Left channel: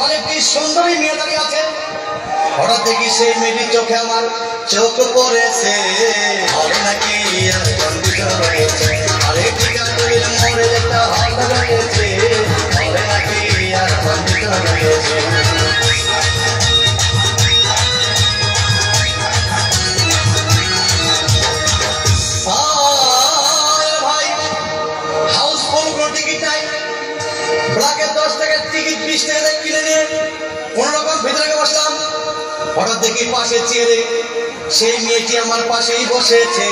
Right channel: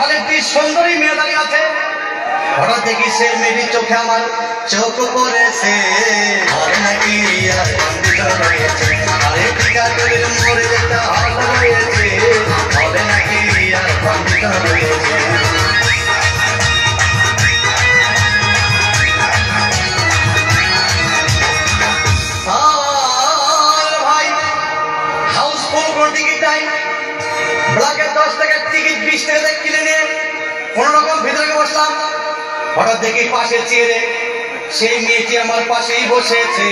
হলে একটি সুন্দরী মেয়ে দাঁড়িয়ে আছে। হঠাৎ দেখি সেই মেয়েটির চোখে আমার চোখ পড়েছে। হলে নাকি আর কম্পিউটার রয়েছে, আরে টিকা তৈরির মোড়ে একটা হল রয়েছে। হলে নাকি আর কম্পিউটার রয়েছে। ভাই হাউসফুল কোনো টিকিট নাই, ব্ল্যাকের 10 টাকার টিকিট 20 টাকা কিনে নিয়ে কোন রকম ভিতরে বসলাম। হঠাৎ দেখি পাশে চেয়ারে সেই মেয়েটি আমার পাশেই বসেছে।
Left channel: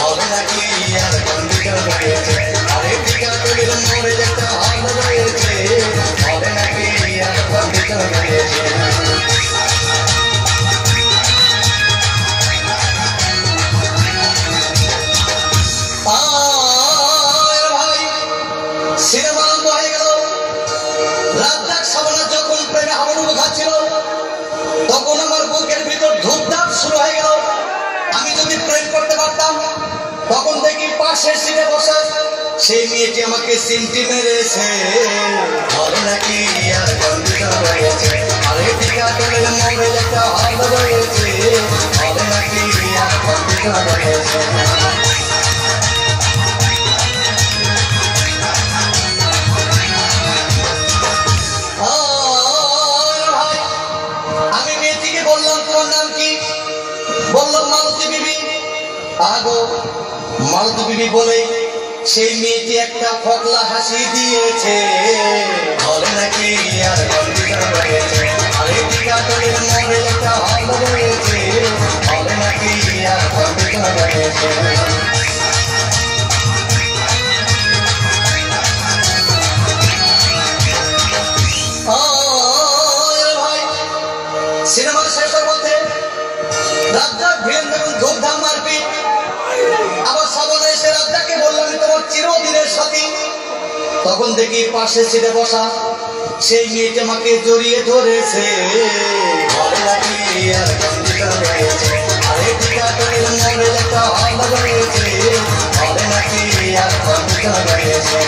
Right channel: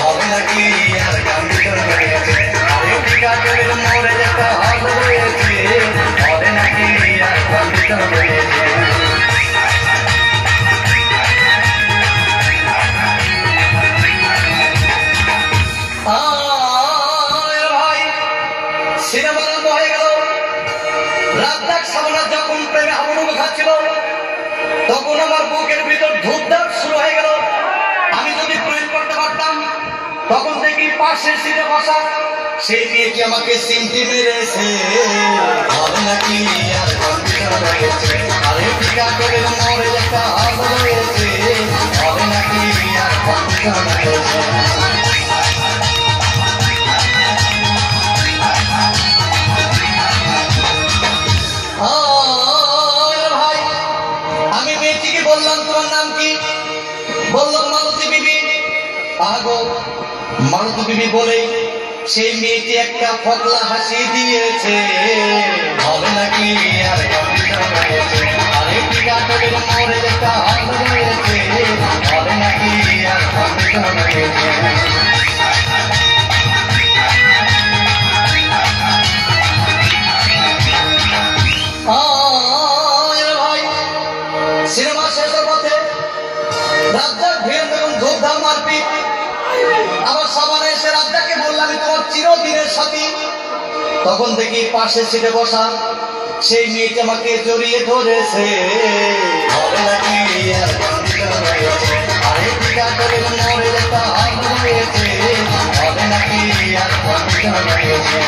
হবে নাকি আর কম্পিউটার রয়েছে, আরে টিকা তৈরির মোড়ে একটা হল রয়েছে। হবে নাকি আর কম্পিউটার রয়েছে। ভাই সিনেমা আরম্ভ হয়ে গেল। রাত সাবনা যখন প্রেমে হাবুডুবু খাচ্ছিল, তখন আমার বুকের ভিতর ধূপধাপ শুরু হয়ে গেল। আমি যদি প্রেম করতে পারতাম, তখন দেখি পাশের সিটে বসা সেই মেয়েটি আমাকে সিমটি মেরেছে। হবে নাকি আর কম্পিউটার রয়েছে, আরে টিকা তৈরির মোড়ে একটা হল রয়েছে। হবে নাকি আর কম্পিউটার রয়েছে। আমি মেয়েটিকে বললাম, তোমার নাম কি? বললাম মালতী বিবি। আগো মালতী বিবি বলে সেই মেয়েটি একটা ফকলা হাসি দিয়েছে। হলে নাকি আর কম্পিউটার রয়েছে, আরে টিকা তৈরির মোড়ে একটা হল রয়েছে। হলে নাকি আর কম্পিউটার রয়েছে। সিনেমা শেষের পথে রাজ্জাক ভিড় যখন ধূপধাম মারপিট, আবার সাবানে এসে রাজ্জাককে বললাম, তোমার চিরদিনের সাথী। তখন দেখি পাশে সিটে বসা সেই মেয়েটি আমাকে জড়িয়ে ধরেছে। হবে নাকি আর কম্পিউটার রয়েছে, আরে টিকা তৈরির মোড়ে একটা হল রয়েছে। হবে নাকি আর কম্পিউটার রয়েছে।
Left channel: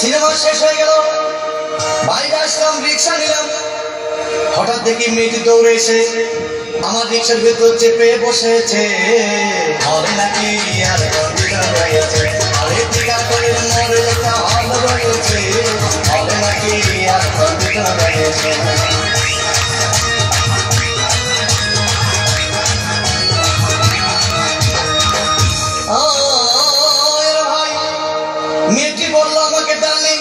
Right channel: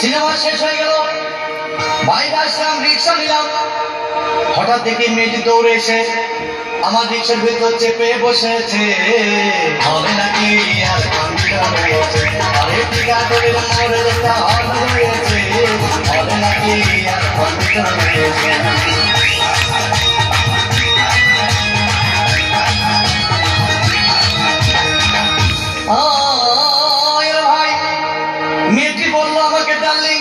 সিনেমা শেষ হয়ে গেল, বাইরে আসলাম, রিক্সা নিলাম। হঠাৎ দেখি মেয়েটি দৌড়ে এসে আমার রিক্সার ভেতর চেপে বসেছে। হবে নাকি আর কম্পিউটার রয়েছে, আরে টিকা তৈরির মোড়ে একটা হল রয়েছে। হবে নাকি আর কম্পিউটার রয়েছে। মেয়েটি বললো আমাকে, ডার্লিং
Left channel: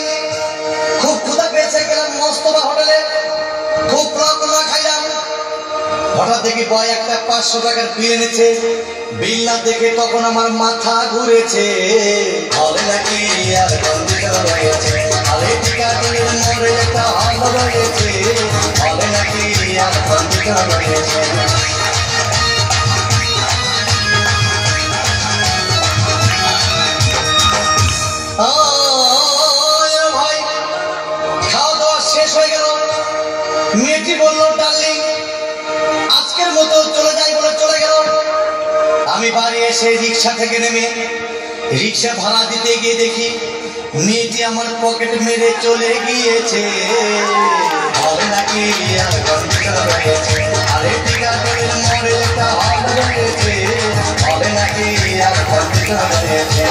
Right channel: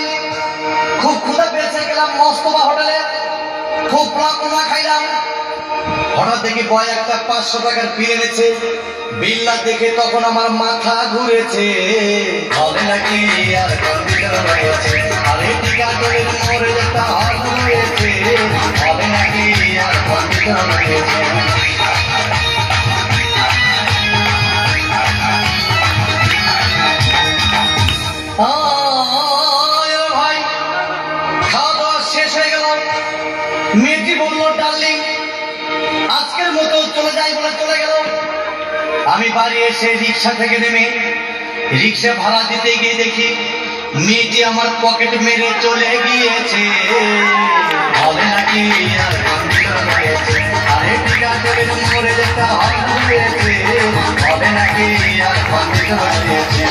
খুব ক্ষুধা পেয়েছে, গেলাম মস্তবা হোটেলে, খুব প্রার্থনা খাইলাম। হঠাৎ দেখি বয় একটা 500 টাকার বিল এনেছে। বিল্লা দেখে তখন আমার মাথা ঘুরেছে। হবে নাকি আর কম্পিউটার রয়েছে, আরে টিকা তৈরির মোড়ে একটা হল রয়েছে। হবে নাকি আর কম্পিউটার রয়েছে। ভাই খাওয়া দাওয়া শেষ হয়ে গেল। মেয়েটি বললো, ডার্লিং আজকের মতো চলে যাই বলে চলে গেল। আমি বাড়ি এসে রিক্সা থেকে নেমে রিক্সা ভাড়া দিতে গিয়ে দেখি মেয়েটি আমার পকেট মেরে চলে গিয়েছে। হবে নাকি আর কম্পিউটার রয়েছে, আরে টিকা তৈরির মোড়ে একটা হল রয়েছে। হবে নাকি আর কম্পিউটার রয়েছে।